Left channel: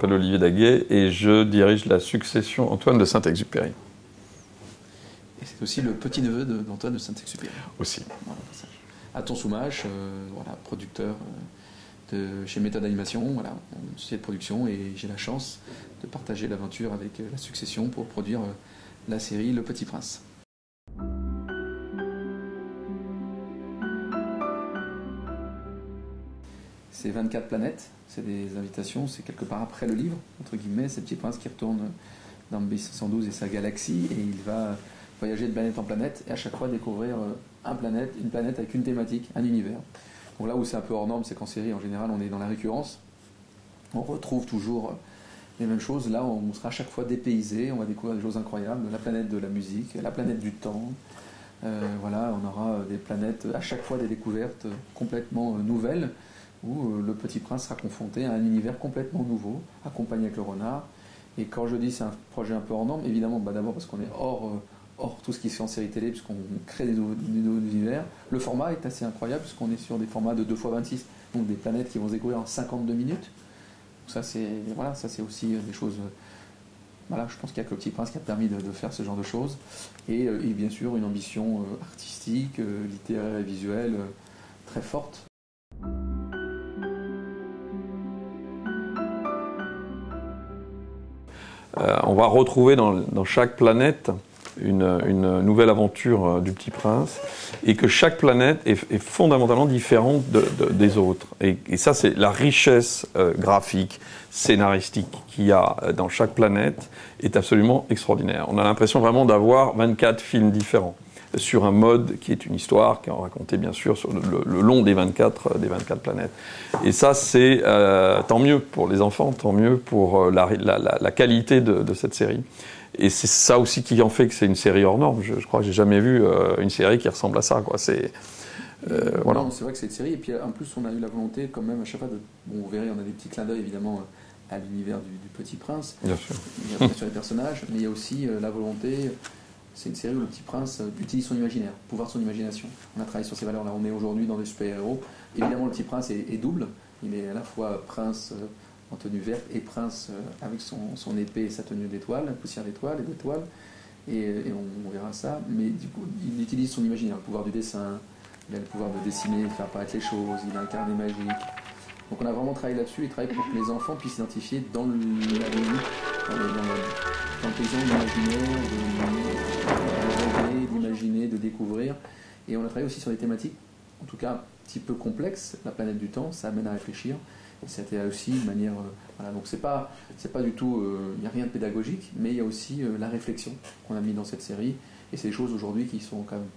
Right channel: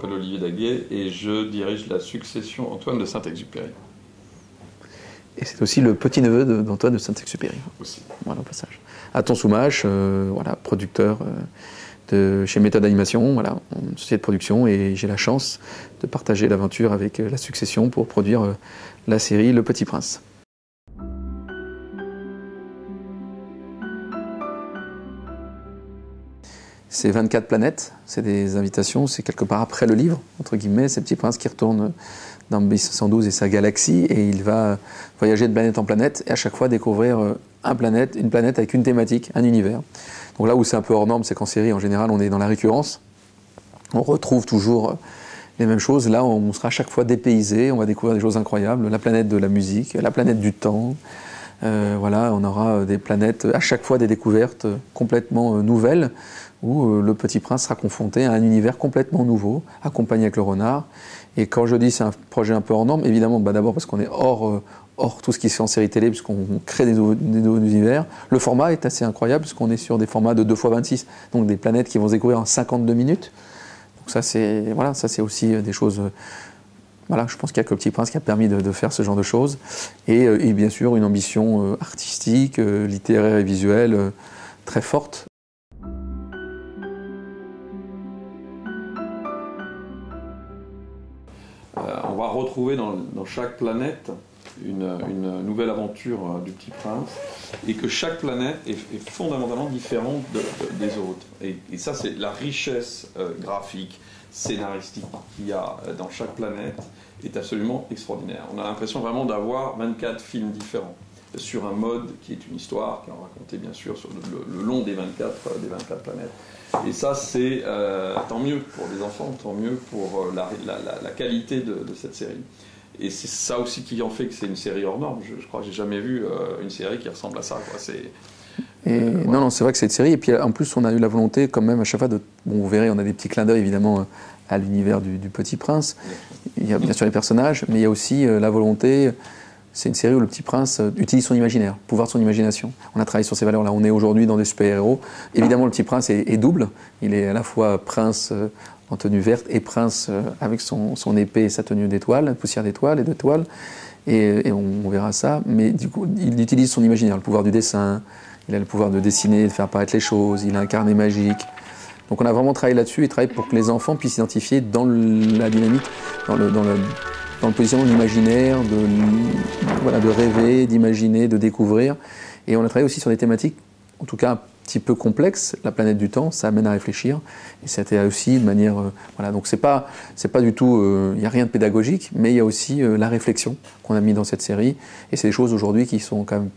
m'appelle Olivier Daguet et je dirige la succession Antoine de Saint-Exupéry. Et c'est aussi le petit-neveu d'Antoine de Saint-Exupéry. Aussi. Voilà, au passage. Aton Soumache, voilà, producteur chez Méthode Animation, voilà, une société de production, et j'ai la chance de partager l'aventure avec la succession pour produire la série Le Petit Prince. C'est 24 planètes, c'est des invitations, c'est quelque part après le livre, entre guillemets, c'est Petit Prince qui retourne dans 1612 et sa galaxie, et il va voyager de planète en planète, et à chaque fois découvrir une planète avec une thématique, un univers. Donc là où c'est un peu hors norme, c'est qu'en série, en général, on est dans la récurrence, on retrouve toujours les mêmes choses. Là, on sera à chaque fois dépaysé, on va découvrir des choses incroyables, la planète de la musique, la planète du temps. Voilà, on aura des planètes, à chaque fois des découvertes complètement nouvelles, où le Petit Prince sera confronté à un univers complètement nouveau, accompagné avec le renard. Et quand je dis c'est un projet un peu hors norme, évidemment, d'abord parce qu'on est hors tout ce qui se fait en série télé, puisqu'on crée des nouveaux univers. Le format est assez incroyable, puisqu'on est sur des formats de 2x26, donc des planètes qui vont se découvrir en 52 minutes. Donc ça, c'est aussi des choses... Voilà, je pense qu'il n'y a que le Petit Prince qui a permis de faire ce genre de choses. Et bien sûr, une ambition artistique, littéraire et visuelle très forte. On va retrouver dans chaque planète une nouvelle aventure du Petit Prince, et que chaque planète est fondamentalement différente des autres. Et ça, c'est la richesse graphique, scénaristique qu'il y a dans chaque planète est absolument extraordinaire. On a l'impression vraiment d'avoir 24 films différents sur un mode qui est une histoire, qui est racontée bien sûr sur le long des 24 planètes. Et ça, c'est tant mieux pour les enfants, tant mieux pour la qualité de cette série. Et c'est ça aussi qui en fait que c'est une série hors norme. Je crois que j'ai jamais vu une série qui ressemble à ça, quoi. Voilà. Non, c'est vrai que c'est une série. Et puis en plus, on a eu la volonté quand même à chaque fois de... Bon, vous verrez, on a des petits clins d'œil évidemment à l'univers du Petit Prince. Bien sûr. Il y a bien sûr les personnages, mais il y a aussi la volonté... C'est une série où le Petit Prince utilise son imaginaire, le pouvoir de son imagination. On a travaillé sur ces valeurs-là. On est aujourd'hui dans des super-héros. Évidemment, le Petit Prince est double. Il est à la fois prince en tenue verte et prince avec son épée et sa tenue d'étoile, poussière d'étoile et d'étoile. Et on verra ça. Mais du coup, il utilise son imaginaire, le pouvoir du dessin. Il a le pouvoir de dessiner, de faire apparaître les choses. Il a un carnet magique. Donc on a vraiment travaillé là-dessus et travaillé pour que les enfants puissent s'identifier dans la dynamique, dans le positionnement de l'imaginaire, de rêver, d'imaginer, de découvrir. Et on a travaillé aussi sur des thématiques, en tout cas un petit peu complexes. La planète du temps, ça amène à réfléchir. Et c'était aussi de manière... voilà, donc c'est pas du tout... Il n'y a rien de pédagogique, mais il y a aussi la réflexion qu'on a mis dans cette série. Et c'est des choses aujourd'hui qui sont quand même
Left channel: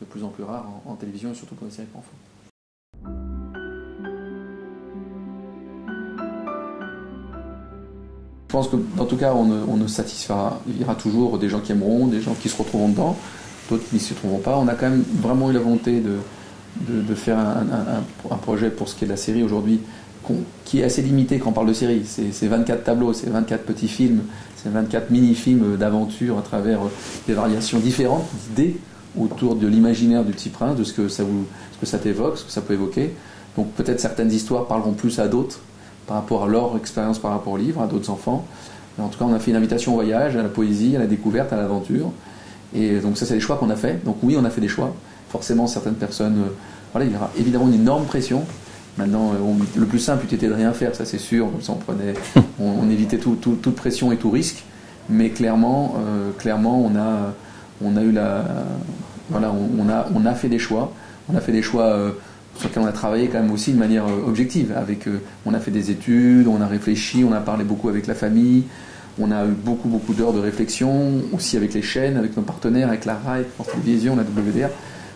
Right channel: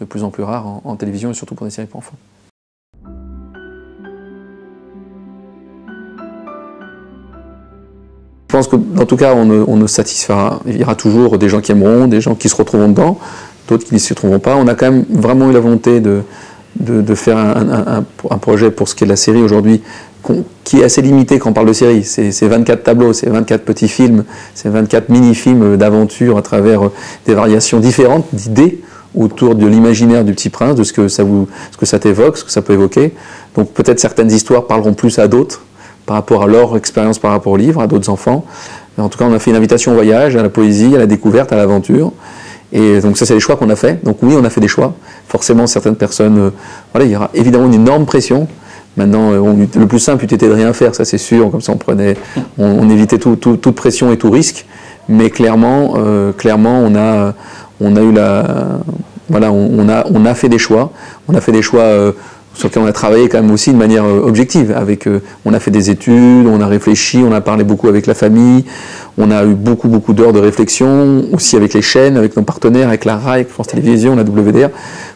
de plus en plus rares en télévision et surtout pour des séries pour enfants. Je pense que, en tout cas, on ne satisfera. Il y aura toujours des gens qui aimeront, des gens qui se retrouveront dedans, d'autres qui ne s'y retrouveront pas. On a quand même vraiment eu la volonté de faire un projet pour ce qui est de la série aujourd'hui, qui est assez limité quand on parle de série. C'est 24 tableaux, c'est 24 petits films, c'est 24 mini-films d'aventure à travers des variations différentes d'idées autour de l'imaginaire du Petit Prince, de ce que ça t'évoque, ce que ça peut évoquer. Donc peut-être certaines histoires parleront plus à d'autres, par rapport à leur expérience, par rapport au livre, à d'autres enfants. Mais en tout cas, on a fait une invitation au voyage, à la poésie, à la découverte, à l'aventure. Et donc ça, c'est les choix qu'on a fait. Donc oui, on a fait des choix. Forcément, certaines personnes... voilà, il y aura évidemment une énorme pression. Maintenant, le plus simple eût été de rien faire, ça c'est sûr. Comme ça, on évitait toute pression et tout risque. Mais clairement, on a eu voilà, on a fait des choix. On a fait des choix... sur lequel on a travaillé quand même aussi de manière objective. On a fait des études, on a réfléchi, on a parlé beaucoup avec la famille, on a eu beaucoup d'heures de réflexion, aussi avec les chaînes, avec nos partenaires, avec la RAI, avec France Télévisions, la WDR,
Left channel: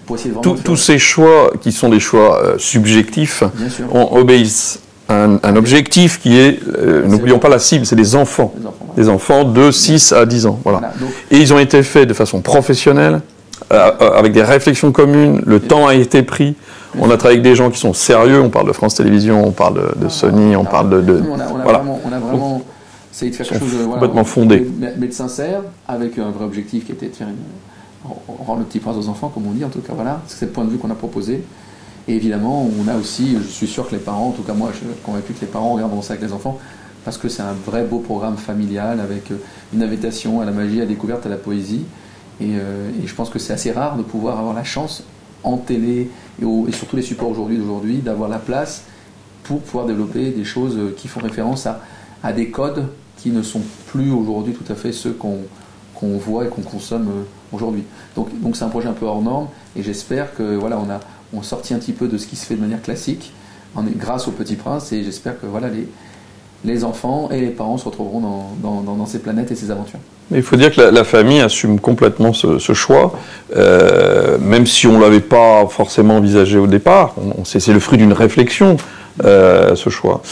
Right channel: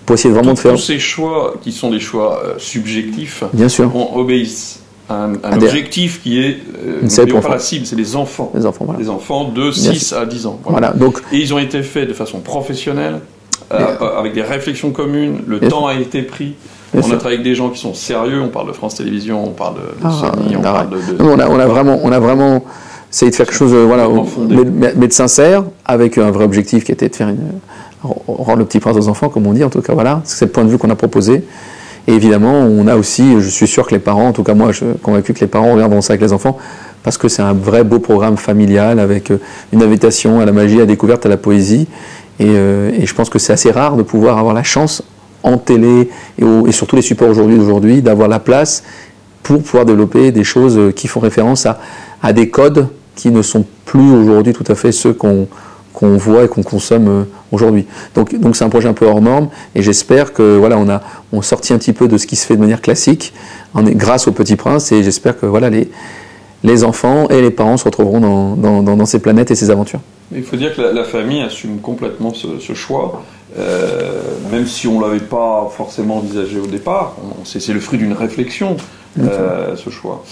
pour essayer vraiment de faire... Tous ces choix qui sont des choix subjectifs, bien sûr, obéissent à un objectif qui est, n'oublions pas la cible, c'est les enfants. Les enfants, voilà. Les enfants de 6 à 10 ans. Voilà. Donc, et ils ont été faits de façon professionnelle, avec des réflexions communes, le temps a été pris. On a travaillé avec des gens qui sont sérieux, on parle de France Télévisions, on parle de Sony, on parle de... On a vraiment essayé de faire quelque chose mais de sincère, avec un vrai objectif qui était de faire rendre le Petit Prince aux enfants, comme on dit, en tout cas, voilà. C'est le point de vue qu'on a proposé. Et évidemment, on a aussi, je suis sûr que les parents, en tout cas moi, je suis convaincu que les parents regarderont ça avec les enfants, parce que c'est un vrai beau programme familial avec une invitation à la magie, à la découverte, à la poésie. Et je pense que c'est assez rare de pouvoir avoir la chance en télé et sur tous les supports d'aujourd'hui d'avoir la place pour pouvoir développer des choses qui font référence à des codes qui ne sont plus aujourd'hui tout à fait ceux qu'on voit et qu'on consomme aujourd'hui. Donc c'est un projet un peu hors norme et j'espère que voilà, on sortit un petit peu de ce qui se fait de manière classique grâce au Petit Prince et j'espère que voilà, les enfants et les parents se retrouveront dans ces planètes et ces aventures. Il faut dire que la famille assume complètement ce choix, même si on ne l'avait pas forcément envisagé au départ. C'est le fruit d'une réflexion, ce choix.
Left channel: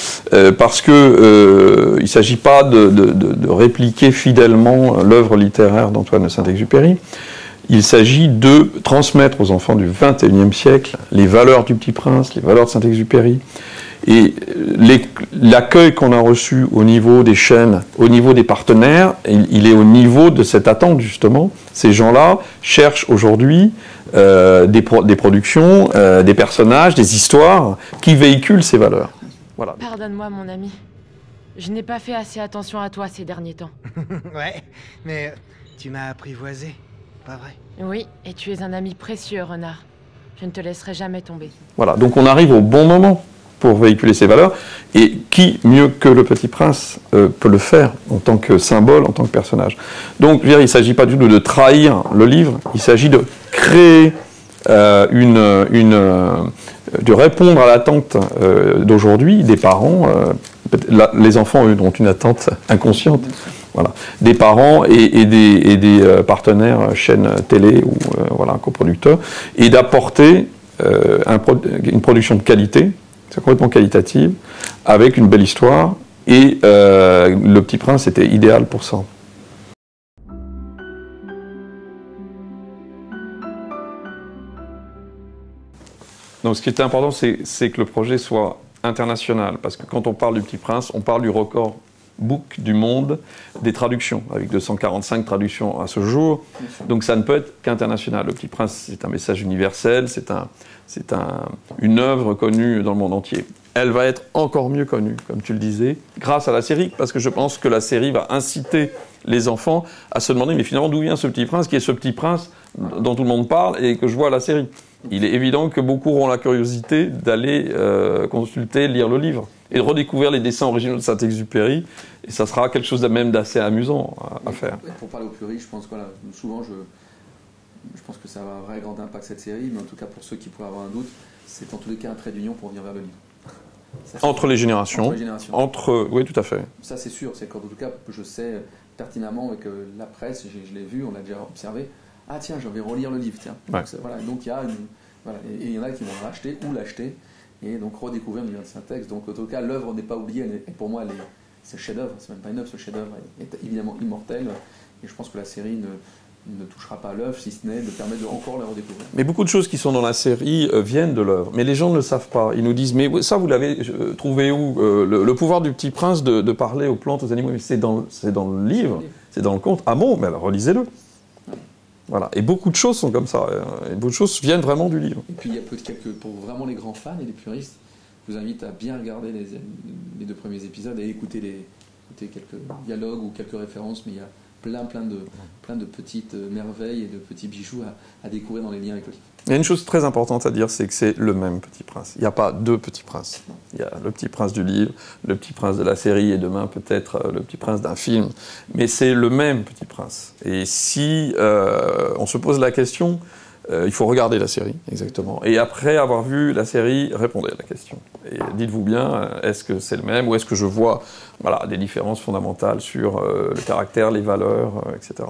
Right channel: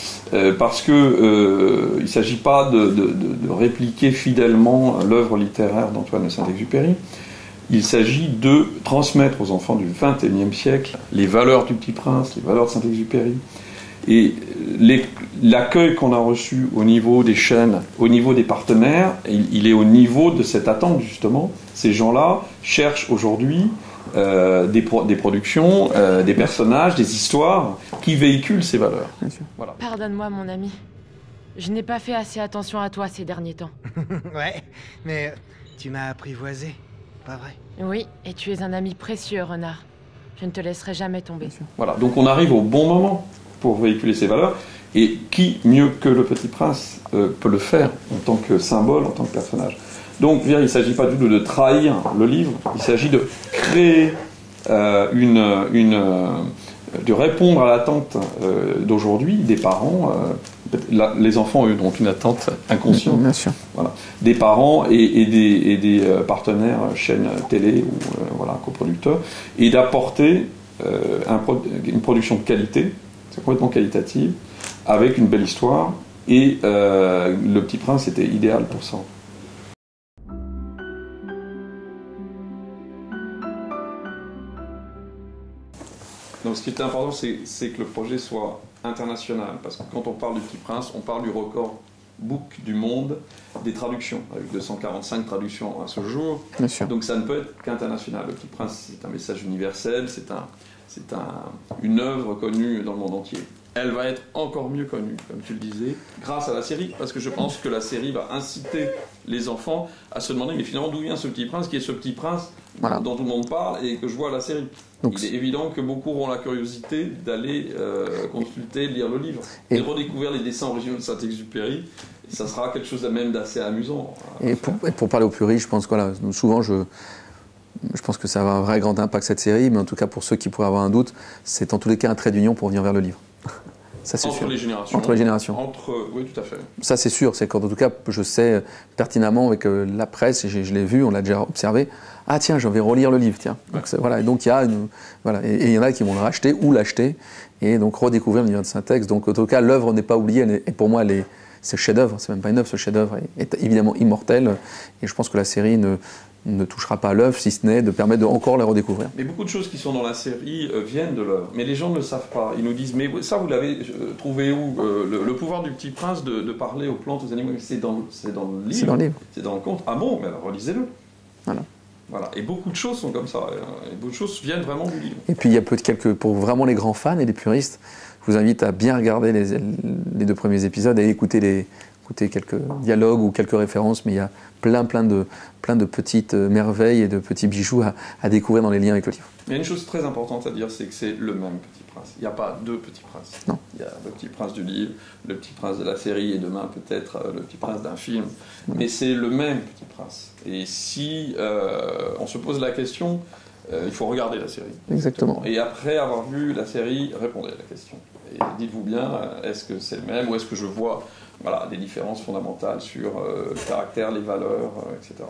Parce qu'il ne s'agit pas de répliquer fidèlement l'œuvre littéraire d'Antoine de Saint-Exupéry. Il s'agit de transmettre aux enfants du XXIe siècle les valeurs du Petit Prince, les valeurs de Saint-Exupéry. Et l'accueil qu'on a reçu au niveau des chaînes, au niveau des partenaires, il est au niveau de cette attente justement. Ces gens-là cherchent aujourd'hui des productions, des personnages, des histoires qui véhiculent ces valeurs. Voilà. Pardonne-moi mon ami, je n'ai pas fait assez attention à toi ces derniers temps. Ouais, mais tu m'as apprivoisé, pas vrai? Oui, et tu es un ami précieux, Renard. Je ne te laisserai jamais tomber. Voilà, donc on arrive au bon moment pour véhiculer ces valeurs, et qui mieux que le Petit Prince peut le faire en tant que symbole, en tant que personnage. Donc, je veux dire, il ne s'agit pas du tout de trahir le livre, il s'agit de créer de répondre à l'attente d'aujourd'hui des parents. Les enfants ont une attente inconsciente. Bien sûr. Voilà. Des parents et des partenaires, chaînes télé ou voilà, coproducteurs, et d'apporter une production de qualité. C'est complètement qualitative, avec une belle histoire, et Le Petit Prince était idéal pour ça. Donc ce qui était important, c'est que le projet soit international, parce que quand on parle du Petit Prince, on parle du record book du monde des traductions, avec 245 traductions à ce jour. Bien sûr. Donc ça ne peut être qu'international. Le Petit Prince, c'est un message universel, c'est une œuvre connue dans le monde entier. Elle va être encore mieux connue, comme tu le disais, grâce à la série, parce que je pense que la série va inciter les enfants à se demander, mais finalement, d'où vient ce Petit Prince, qui est ce Petit Prince dont tout le monde parle et que je vois à la série. Donc, il est évident que beaucoup auront la curiosité d'aller consulter, lire le livre, et de redécouvrir les dessins originaux de Saint-Exupéry, et ça sera quelque chose même d'assez amusant à faire. Et pour parler au plus riche, je pense que voilà, souvent je pense que ça va avoir un vrai grand impact cette série, mais en tout cas pour ceux qui pourraient avoir un doute, c'est en tous les cas un trait d'union pour venir vers le livre. Ça, entre les générations. Entre les générations. Oui, tout à fait. Ça c'est sûr, c'est qu'en tout cas je sais pertinemment avec la presse, je l'ai vu, on l'a déjà observé, ah tiens, je vais relire le livre, tiens. Ouais. Donc, voilà, et donc il y a voilà, et il y en a qui vont le racheter ou l'acheter, et donc redécouvrir l'univers de Saint-Ex. Donc en tout cas l'œuvre n'est pas oubliée, et pour moi c'est le chef-d'œuvre, c'est même pas une œuvre, ce chef-d'œuvre est évidemment immortel, et je pense que la série ne touchera pas à l'œuvre, si ce n'est de permettre de encore la redécouvrir. Mais beaucoup de choses qui sont dans la série viennent de l'œuvre. Mais les gens ne le savent pas. Ils nous disent, mais ça, vous l'avez trouvé où le pouvoir du Petit Prince de parler aux plantes, aux animaux, c'est dans le livre. C'est dans le conte. Ah bon, mais alors relisez-le. Voilà. Et beaucoup de choses sont comme ça. Et beaucoup de choses viennent vraiment du livre. Et puis il y a pour vraiment les grands fans et les puristes, je vous invite à bien regarder les 2 premiers épisodes et écouter quelques dialogues ou quelques références, mais il y a plein de petites merveilles et de petits bijoux à découvrir dans les liens avec le livre. Il y a une chose très importante à dire, c'est que c'est le même Petit Prince. Il n'y a pas 2 Petits Princes. Non. Il y a le Petit Prince du livre, le Petit Prince de la série, et demain peut-être le Petit Prince d'un film. Mais c'est le même Petit Prince. Et si on se pose la question, il faut regarder la série. Exactement. Et après avoir vu la série, répondez à la question. Et dites-vous bien, est-ce que c'est le même, ou est-ce que je vois des différences fondamentales sur le caractère, les valeurs, etc.